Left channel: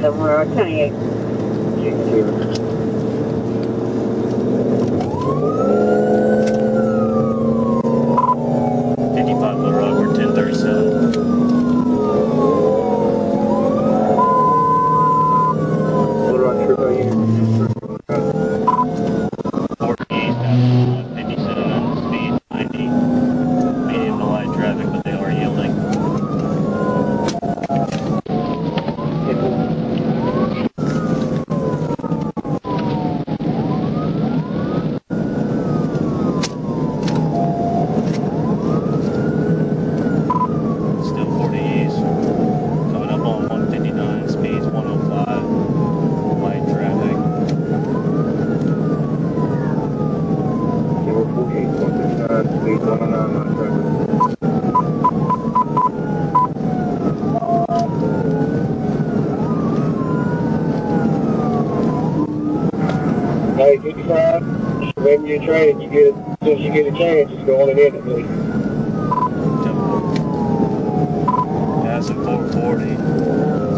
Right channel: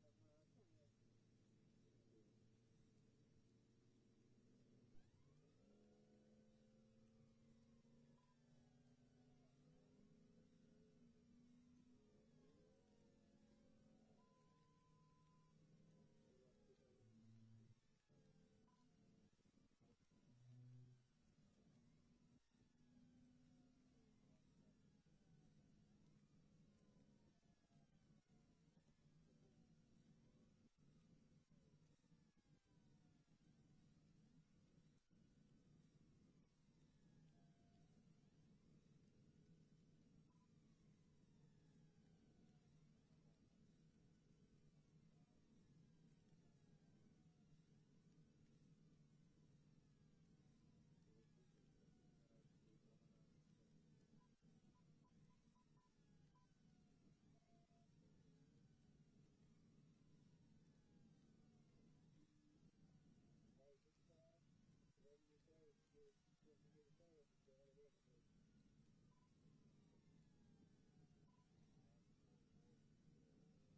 somewhere, 28. Hey, 55, whenever you're training, as soon as you get a chance, just go on and in it, please. Passing 440,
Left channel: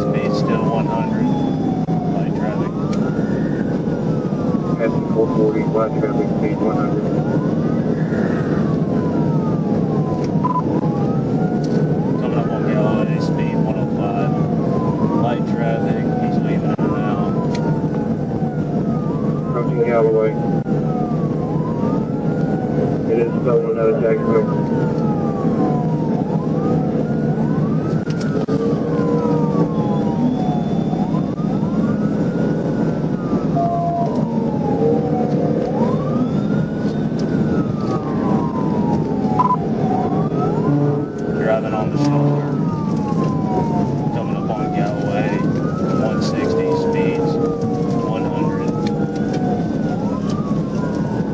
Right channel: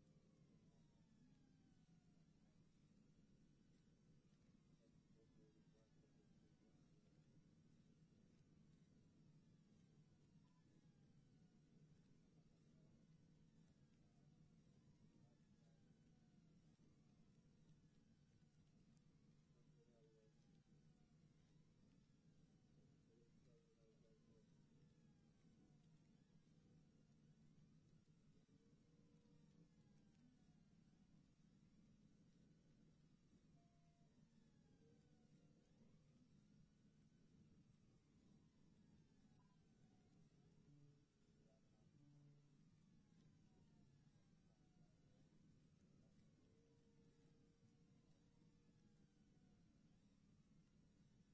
speed still 100, light traffic. Passing 440, light traffic, speed 100. Coming up on Galloway, speed 105, light traffic, he's leaving it now. Approaching Galloway. It is stolen out of Jacksonville. Driving on the shoulder, coming up on Galloway, 160, speeds 100.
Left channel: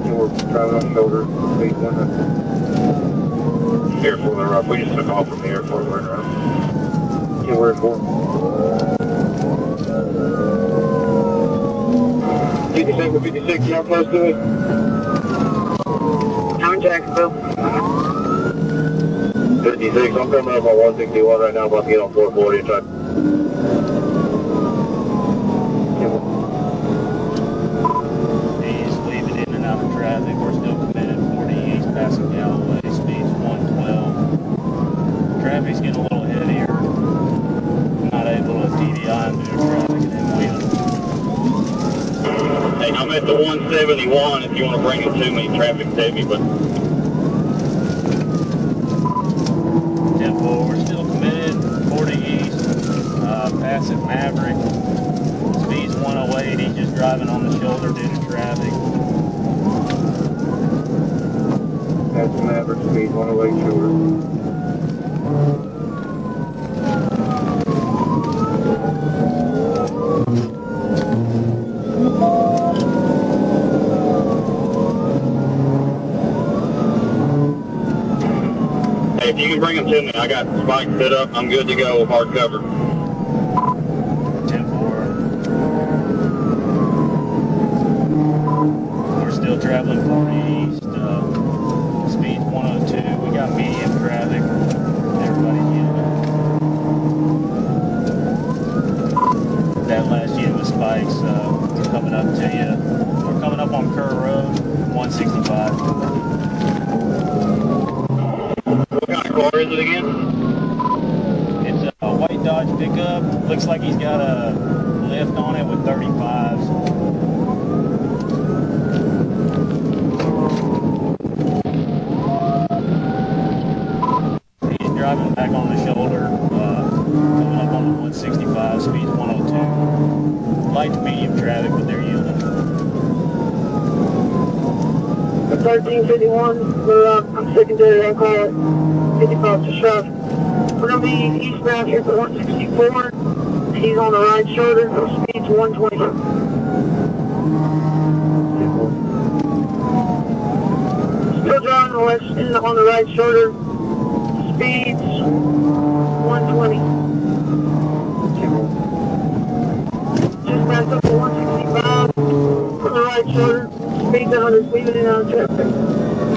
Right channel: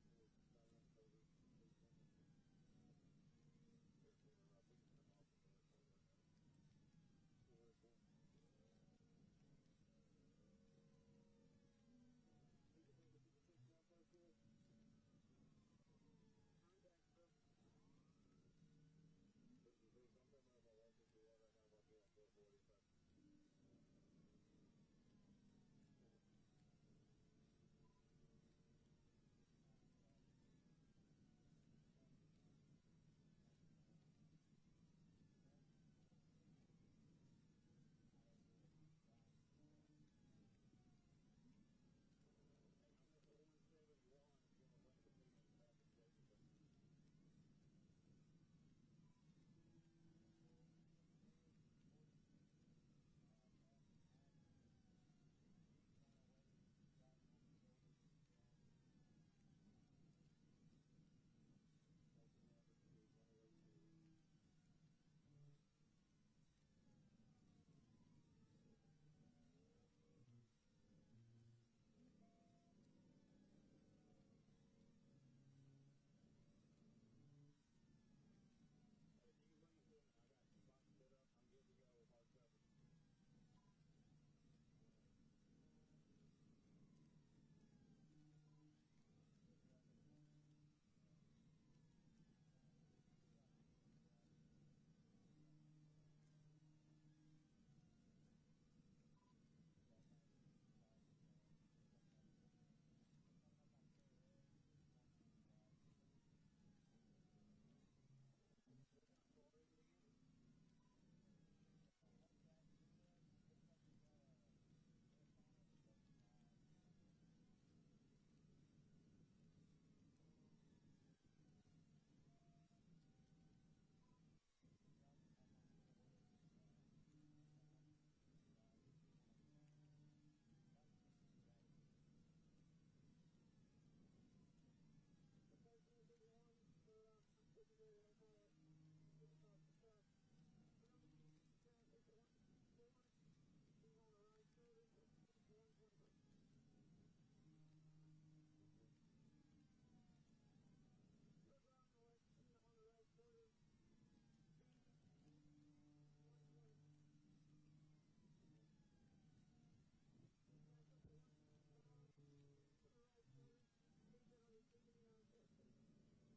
And we're driving on the shoulder, speed 100. Airport, we're up. We just took off from the airport, we're around. Yeah, we're at 4. 56, you how close to it? I'm in Jacksonville. 56, I'm coming up on 161 right now, about to get on 440 and try. He's leaving in and out of traffic. We're still committed 40 east, passing Galloway, speeds 112. Traffic's getting a little heavier. Not able to T.V.I and do the traffic and then wheeling. Hey, I'm at the 171 if you want to bring it to me. Traffic's heavy, but... We're still committed, 40 east, passing Maverick, speeds 108, he's just driving on the shoulder due to traffic. Passing Maverick, speed 108 shoulder. Hey, if you can bring them to me, I got spikes set up. I'm good to go with hard cover. 10-4. We're still traveling 40 east, speeds 102. We got medium traffic. Everybody's yielding. That last unit with spikes, we're coming up to you. We're coming up on Kerr Road, 165. What kind of car is it again? It's a white Dodge pickup. Looks like he's got a lift on it with 35s. He's driving back on the shoulder, coming up on the 165, speeds 102. Light to medium traffic, but they're yielding. The 1351, I'm secondary, I call it 55 to shove. We're going to be eastbound here for 164. He's on the right shoulder, speeds 120. Still driving on the right shoulder, speeds 120. Just back up to 165 on the right shoulder, speeds 100, leaving it out of traffic.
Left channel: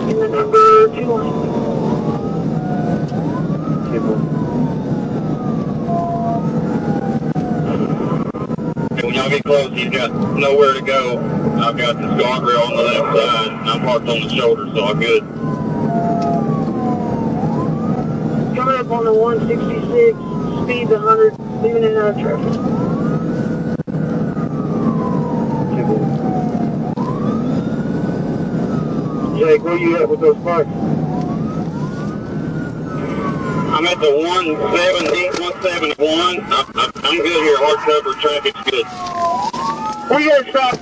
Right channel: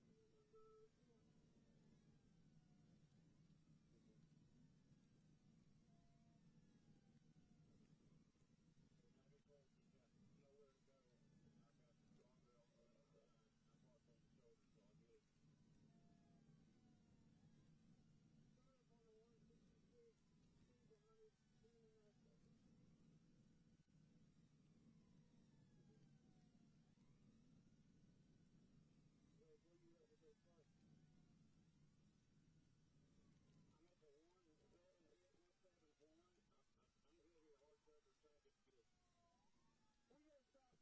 In the number 2 line. I'll be close. He's got nowhere to go. I've got this guardrail on the left side, and I'm parked on the shoulder, so I'm good. Coming up on the 166, speed 100, leaving in out of traffic. Jake, where you at with those parks? I'm at the 171. I'm good here. Hard cover. Traffic's good. We gotta stop.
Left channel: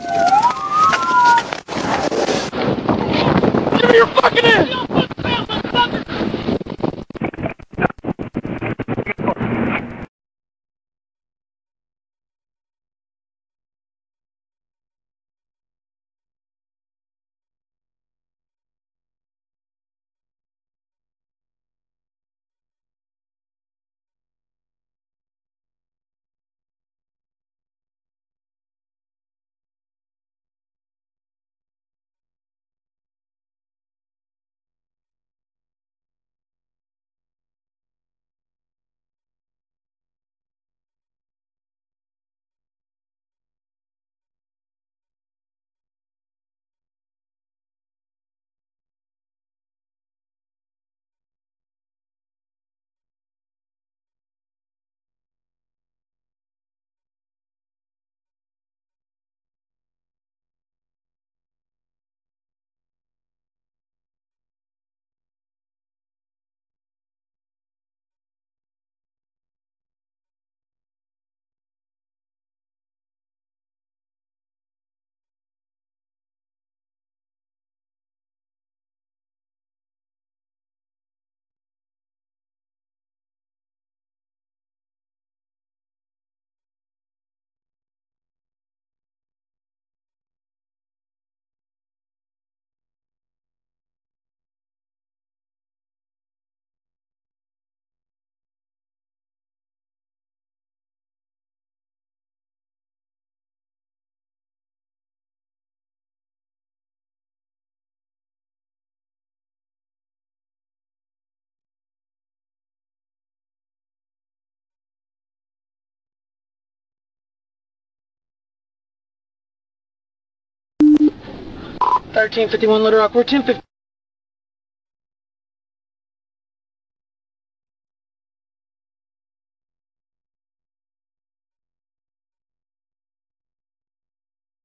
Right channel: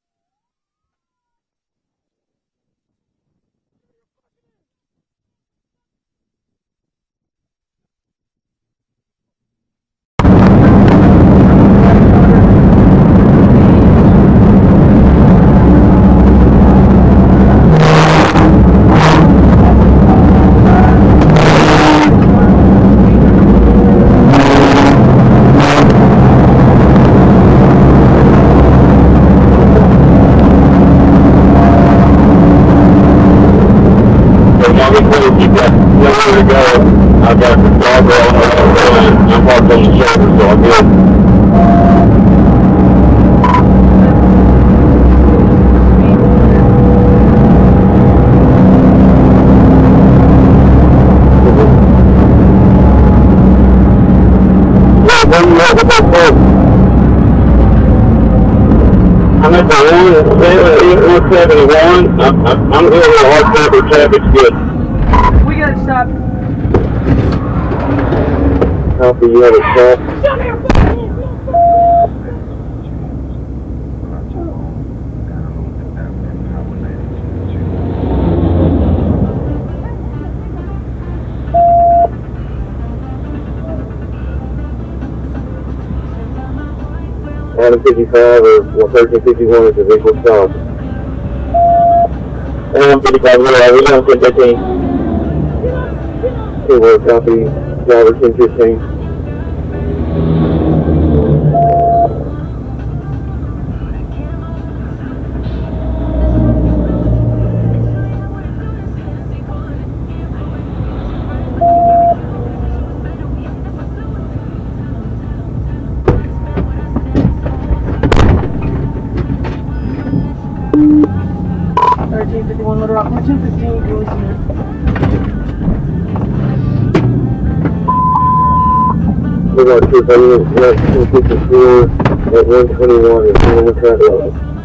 Give me your fucking ass! You've got nowhere to go. I've got the guardrail on the left side. I'm parked on the shoulder, so I'm good. I'm at the 171. I'm good with hard cover. Traffic's good. We gotta stop. Copy, you have a stop. Adam 55 or 1351 is the vehicle stop. Adam 55, we're on 1015. Okay, we'll copy, driver 1015. Little Rock, we're 215. We're going to 254 at 121 and 21 traffic.